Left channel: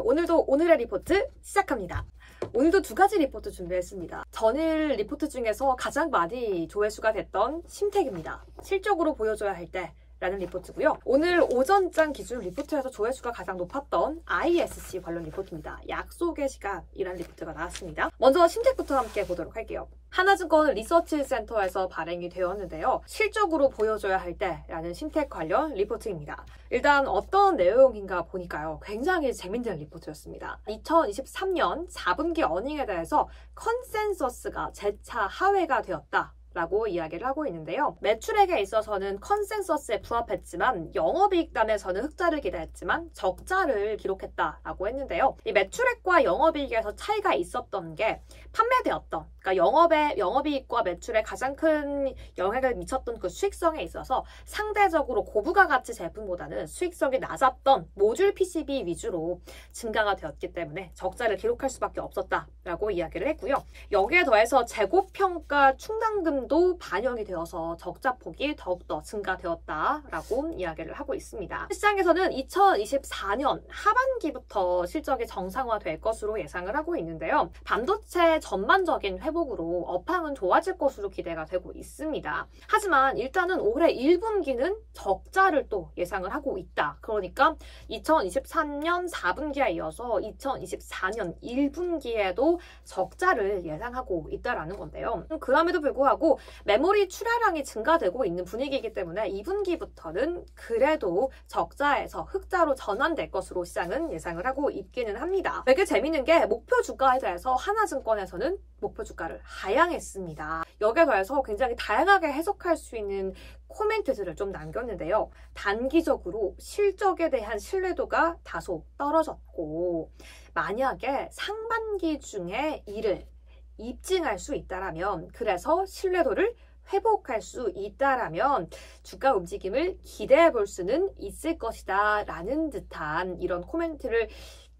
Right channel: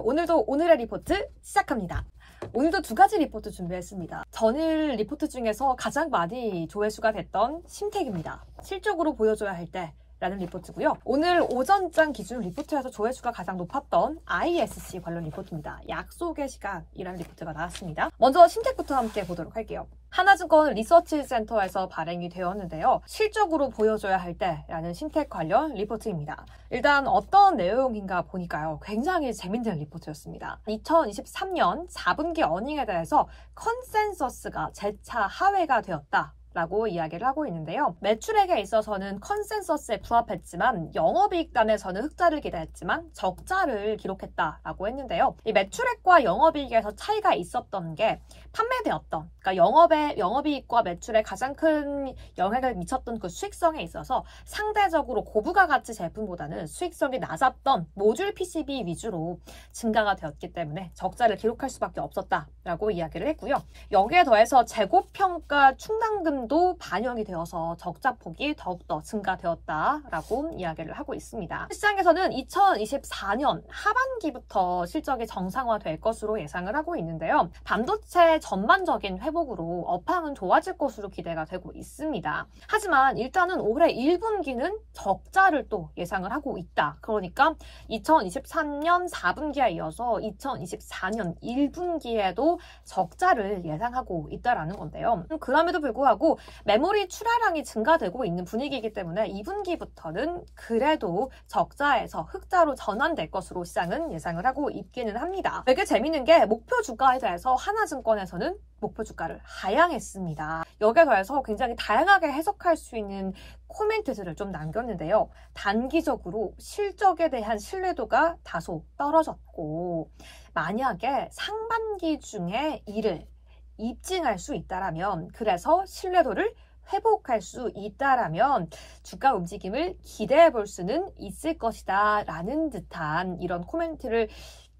오늘도 오늘의 리포트 시작합니다. 오늘도 두 가지 리포트 준비했습니다. 전일 리포트 중에서 가장 많이 조회수가 됐던 심택입니다. 실적으로 보여줘야 할 때 라는 리포트고요. 오늘 오전장 기준 리포트에서 조회수가 가장 높았던 ISC 관련 리포트입니다. 약속의 시간이라는 리포트가 나왔습니다. 먼저 심택부터 함께 보도록 할게요. 하나증권 리서치센터에서 발행이 되었는데요. 실적으로 보여줘야 할 때라는 심택 관련 리포트입니다. 일단 어떤 내용인가 보니까요. 굉장히 재밌는 리포트였습니다. 2023년 4분기 어닝에 대해서 컨센서스가 재차 하회가 되었다 라고 이야기를 하고 있는데요. 매출액에 있어서는 컨센서스에 부합했지만 영업이익단에서는 흑자를 기대했지만 적자를 기록했다라고 했는데요. 이 매출액과 영업이익에서 차이가 있었던 게 판매되었던, 그러니까 영업이익과 매출에 가장 큰 영향을 미쳤던 그 수익성에 있어서 상대적으로 고부가 가치 제품보다는 수익성이 낮았던 모듈 PCB 위주로 증가가 되었기 때문에 적자를 기록할 수밖에 없었다라고 이야기를 했고요. 여기에 더해서 재고평가 충당금 도 반영이 되어서 적자폭이 더욱더 증가되었다라고 이야기를 하고 있습니다. 시장에서는 2024년 하반기부터 실적이 정상화될 것으로 예상을 하고 있는데요. 반도체 전반적인 회복으로 업황은 좋아질 것으로 기대가 되고 있습니다. 하지만 일단은 올해 1분기는 적자를 또 예상을 하고 있다. 그러니까 2023년 4분기에 이어서 2024년 1분기에도 적자를 예상하고 있다라는 건데요. 그럼에도 불구하고 메모리 출하량이 증가되고 있는 분위기이기 때문에 2분기부터는 그래도 적자에서 흑자로 전환될 것으로 시장은 예상을 하고 있기는 합니다. 되게 재밌는 게 목표 주가에 대해서 하나증권에서는 목표 주가를 하향했습니다. 여기에 더해서 굉장히 다양하게 해석할 수 있는 코멘트들을 좀 남겼는데요. 단기적으로 실적에 대한 신뢰도가 다소 떨어졌고 만약에 상반기 중에 이를 입증할 수 있다라면, 그래서 신뢰도를 회복할 수 있다라면 주가 움직임을 기대해 볼 수는 있을 것이다 라는 듯한 이런 코멘트를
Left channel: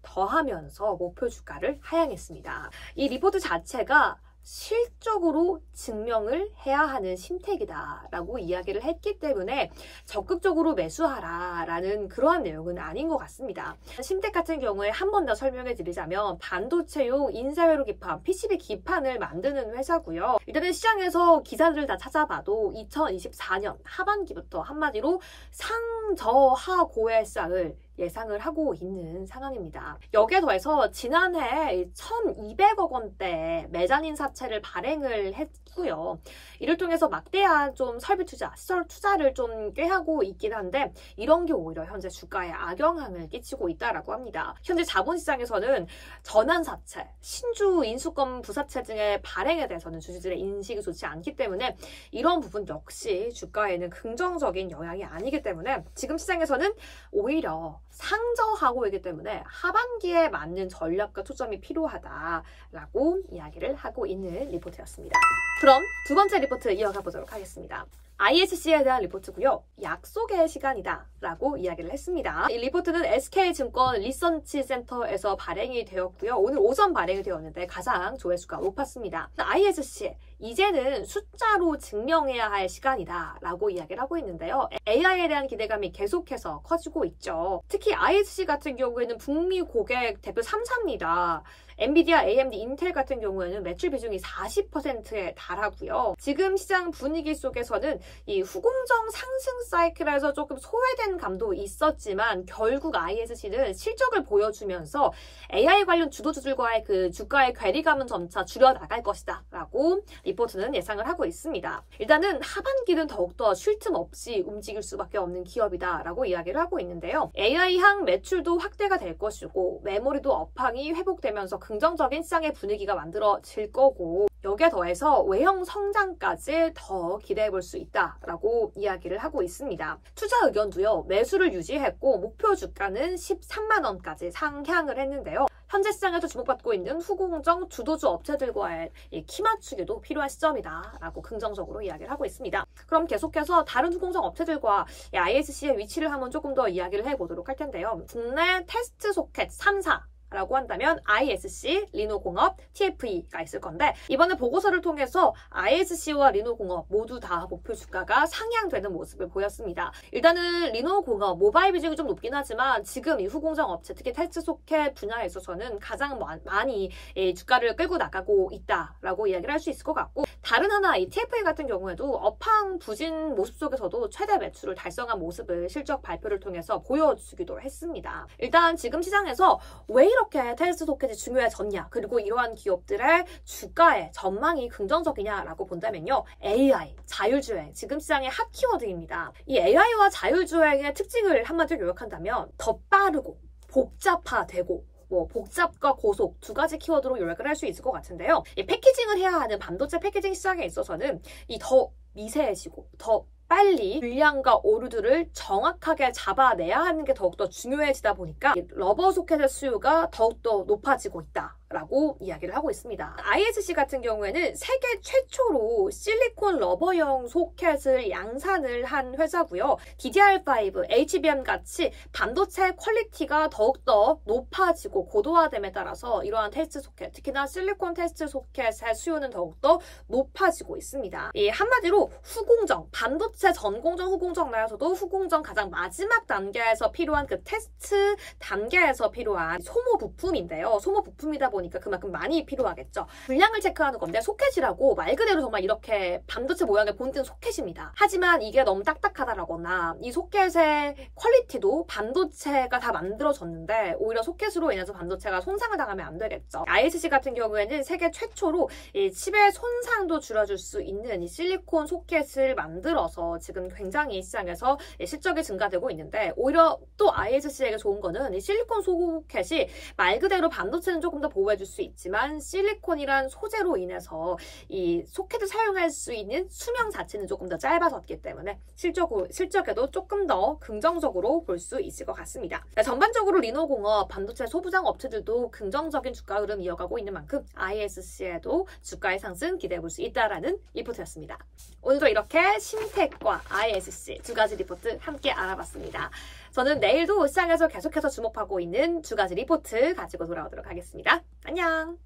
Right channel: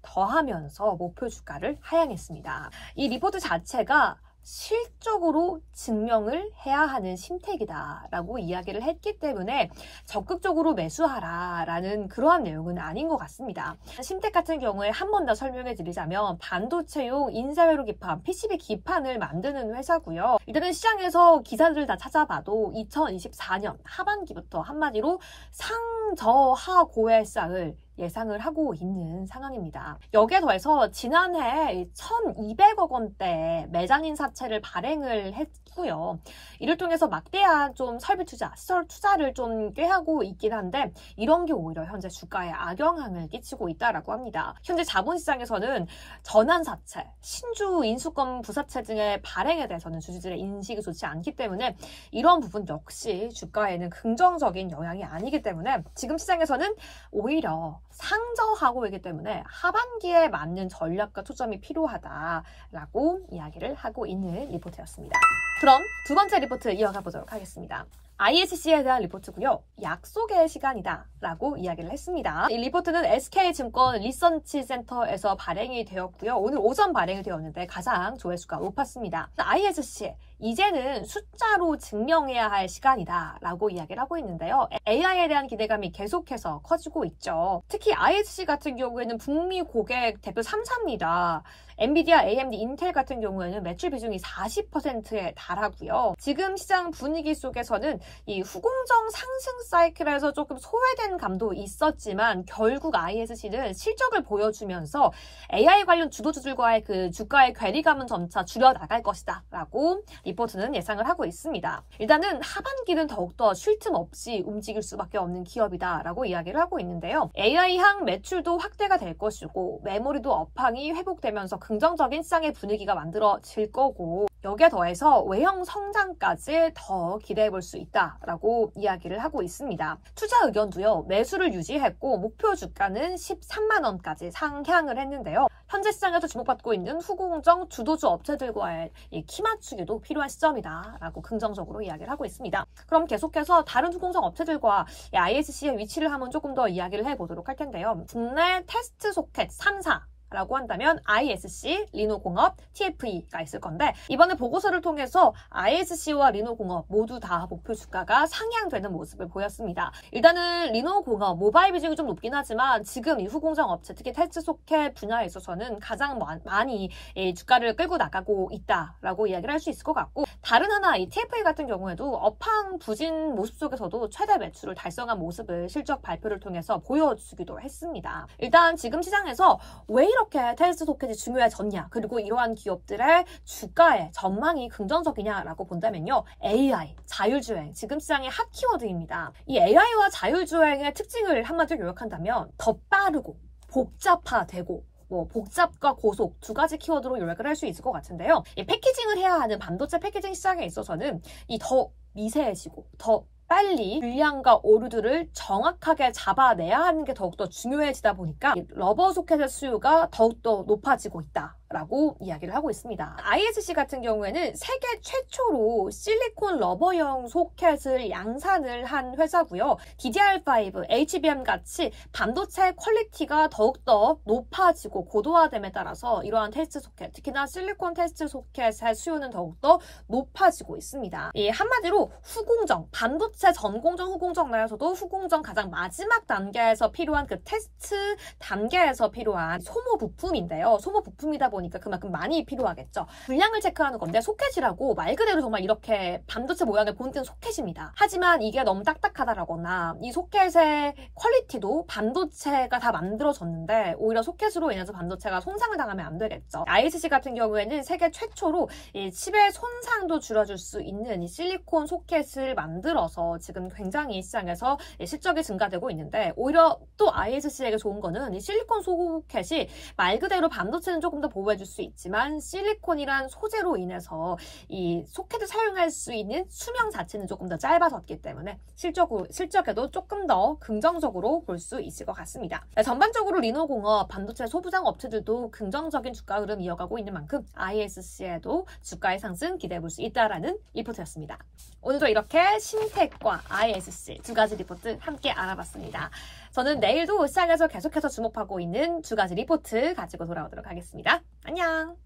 더하면서 목표 주가를 하향했습니다. 이 리포트 자체가 실적으로 증명을 해야 하는 심택이다 라고 이야기를 했기 때문에 적극적으로 매수하라 라는 그러한 내용은 아닌 것 같습니다. 심택 같은 경우에 한 번 더 설명해 드리자면 반도체용 인쇄회로 기판, PCB 기판을 만드는 회사고요. 일단은 시장에서 기사들을 다 찾아봐도 2024년 하반기부터 한마디로 상저하고의 쌍을 예상을 하고 있는 상황입니다. 여기에 더해서 지난해 1,200억 원대 매장인 사채를 발행을 했고요. 이를 통해서 막대한 좀 설비 투자, 시설 투자를 좀 꾀하고 있긴 한데 이런 게 오히려 현재 주가에 악영향을 끼치고 있다라고 합니다. 현재 자본시장에서는 전환사채, 신주 인수권 부사채 등의 발행에 대해서는 주주들의 인식이 좋지 않기 때문에 이런 부분 역시 주가에는 긍정적인 영향이 아니기 때문에 지금 시장에서는 오히려 상저하고 있기 때문에 하반기에 맞는 전략과 초점이 필요하다라고 이야기를 하고 있는 리포트였습니다. 그럼 두 번째 리포트 이어가 보도록 하겠습니다. ISC에 대한 리포트고요. 약속의 시간이다 라고 이야기를 했습니다. 이 리포트는 SK증권 리서치센터에서 발행이 되었고요. 오늘 오전 발행이 되었는데 가장 조회수가 높았습니다. ISC, 이제는 숫자로 증명해야 할 시간이다 라고 이야기를 하고 있는데요. AI에 대한 기대감이 계속해서 커지고 있죠. 특히 ISC 같은 경우에는 북미 고객 대표 3사입니다. 엔비디아, AMD, 인텔 같은 경우에는 매출 비중이 40%에 달하고요. 지금 시장 분위기 속에서는 이 후공정 상승 사이클에서 조금 소외된 감도 있었지만 결국 ISC는 실적을 보여주면서 AI 관련 주도주들과의 그 주가의 괴리감은 점차 줄여나갈 것이다 라고 리포트는 예상을 하고 있습니다. 일단은 하반기는 더욱더 쉴 틈 없이 움직일 수밖에 없는 기업이다 라고 이야기를 하고 있는데요. AI향 매출도 확대가 될 것이고 메모리도 업황이 회복되면서 긍정적인 시장의 분위기가 만들어질 거고 여기에 더해서 외형 성장까지 더 기대해 볼 수 있다라고 이야기를 하고 있습니다. 투자 의견도요. 매수를 유지했고 목표 주가는 13만 원까지 상향을 했는데요. 현재 시장에서 주목받고 있는 후공정 주도주 업체들과의 키 맞추기도 필요한 시점이다라고 긍정적으로 이야기를 하고 있습니다. 그럼 계속해서 다른 후공정 업체들과 ISC의 위치를 한번 조금 더 이야기를 해보도록 할 텐데요. 국내 테스트 소켓 3사 라고 한다면 ISC, 리노공업, TFE가 있을 건데 이번에 보고서를 통해서 ISC와 리노공업 모두 다 목표 주가가 상향되는 모습을 보였습니다. 일단은 리노공업 모바일 비중이 좀 높긴 하지만 지금 이 후공정 업체, 특히 테스트 소켓 분야에 있어서는 가장 많이 주가를 끌고 나가고 있다라고 이야기를 할 수 있을 것 같고, 다른 하나 이 TFE 같은 경우에도 업황 부진 모습 속에서도 최대 매출을 달성한 모습을 실적 발표를 통해서 보여주기도 했습니다. 일단 지금 시장에서 왜 이렇게 테스트 소켓이 중요해졌냐, 그리고 이러한 기업들의 주가의 전망이 긍정적이냐라고 본다면요, AI, 자율주행, 지금 시장의 핫 키워드입니다. 이 AI와 자율주행의 특징을 한마디로 요약한다면 더 빠르고 복잡화되고 복잡과 고속 두 가지 키워드로 요약을 할 수 있을 것 같은데요. 이 패키징을 해야 하는 반도체 패키징 시장에 있어서는 이 더 미세해지고 더 빨리 불량과 오류들을 정확하게 잡아내야 하는 게 더욱더 중요해지다 보니까 러버 소켓의 수요가 더욱더 높아지고 있다라고 이야기를 하고 있습니다. ISC 같은 경우에는 세계 최초로 실리콘 러버형 소켓을 양산을 한 회사고요. DDR5, HBM 같이 반도체 퀄리티가 더욱더 높아지고 고도화됨에 따라서 이러한 테스트 소켓, 특히나 실리콘 테스트 소켓의 수요는 더욱더 높아지고 있습니다. 한마디로 후공정, 반도체 전공정, 후공정 나에서도 후공정 가장 마지막 단계에서 필요한 그 테스트 단계에서 필요한 소모 부품인데요. 소모 부품이다 보니까 그만큼 많이 필요하겠죠. 불량을 체크하는 건데 소켓이라고 말 그대로 정말 이렇게 반도체 모양의 본뜬 소켓입니다. 하지만 이게 너무 딱딱하다라거나 이 소켓의 퀄리티도 반도체가 다 만들어졌는데 오히려 소켓으로 인해서 반도체가 손상을 당하면 안 되겠죠. ISC 같은 경우에는 세계 최초로 이 칩의 손상도 줄여줄 수 있는 이 실리콘 소켓을 만들어서 지금 굉장히 시장에서 실적이 증가되고 있는데, 오히려 또 ISC에게 좋은 거는 이 실리콘 소켓이 말 그대로 반도체는 조금 더 보호해줄 수 있지만 실리콘이란 소재로 인해서 이 소켓을 사용할 수 있는 수명 자체는 조금 더 짧아졌기 때문에 실적에도 조금 더 긍정적으로 볼 수 있을 것 같습니다. 전반적으로 리노공업, 반도체 소부장 업체들도 긍정적인 주가 흐름 이어가고 있는 만큼 ISC에도 주가의 상승 기대해 볼 수 있다라는 리포트였습니다. 오늘도 이렇게 심텍과 ISC 두 가지 리포트 함께 알아봤습니다. 저는 내일도 시장에서 계속해서 주목하고 있는 두 가지 리포트 가지고 돌아오도록 하겠습니다. 안녕!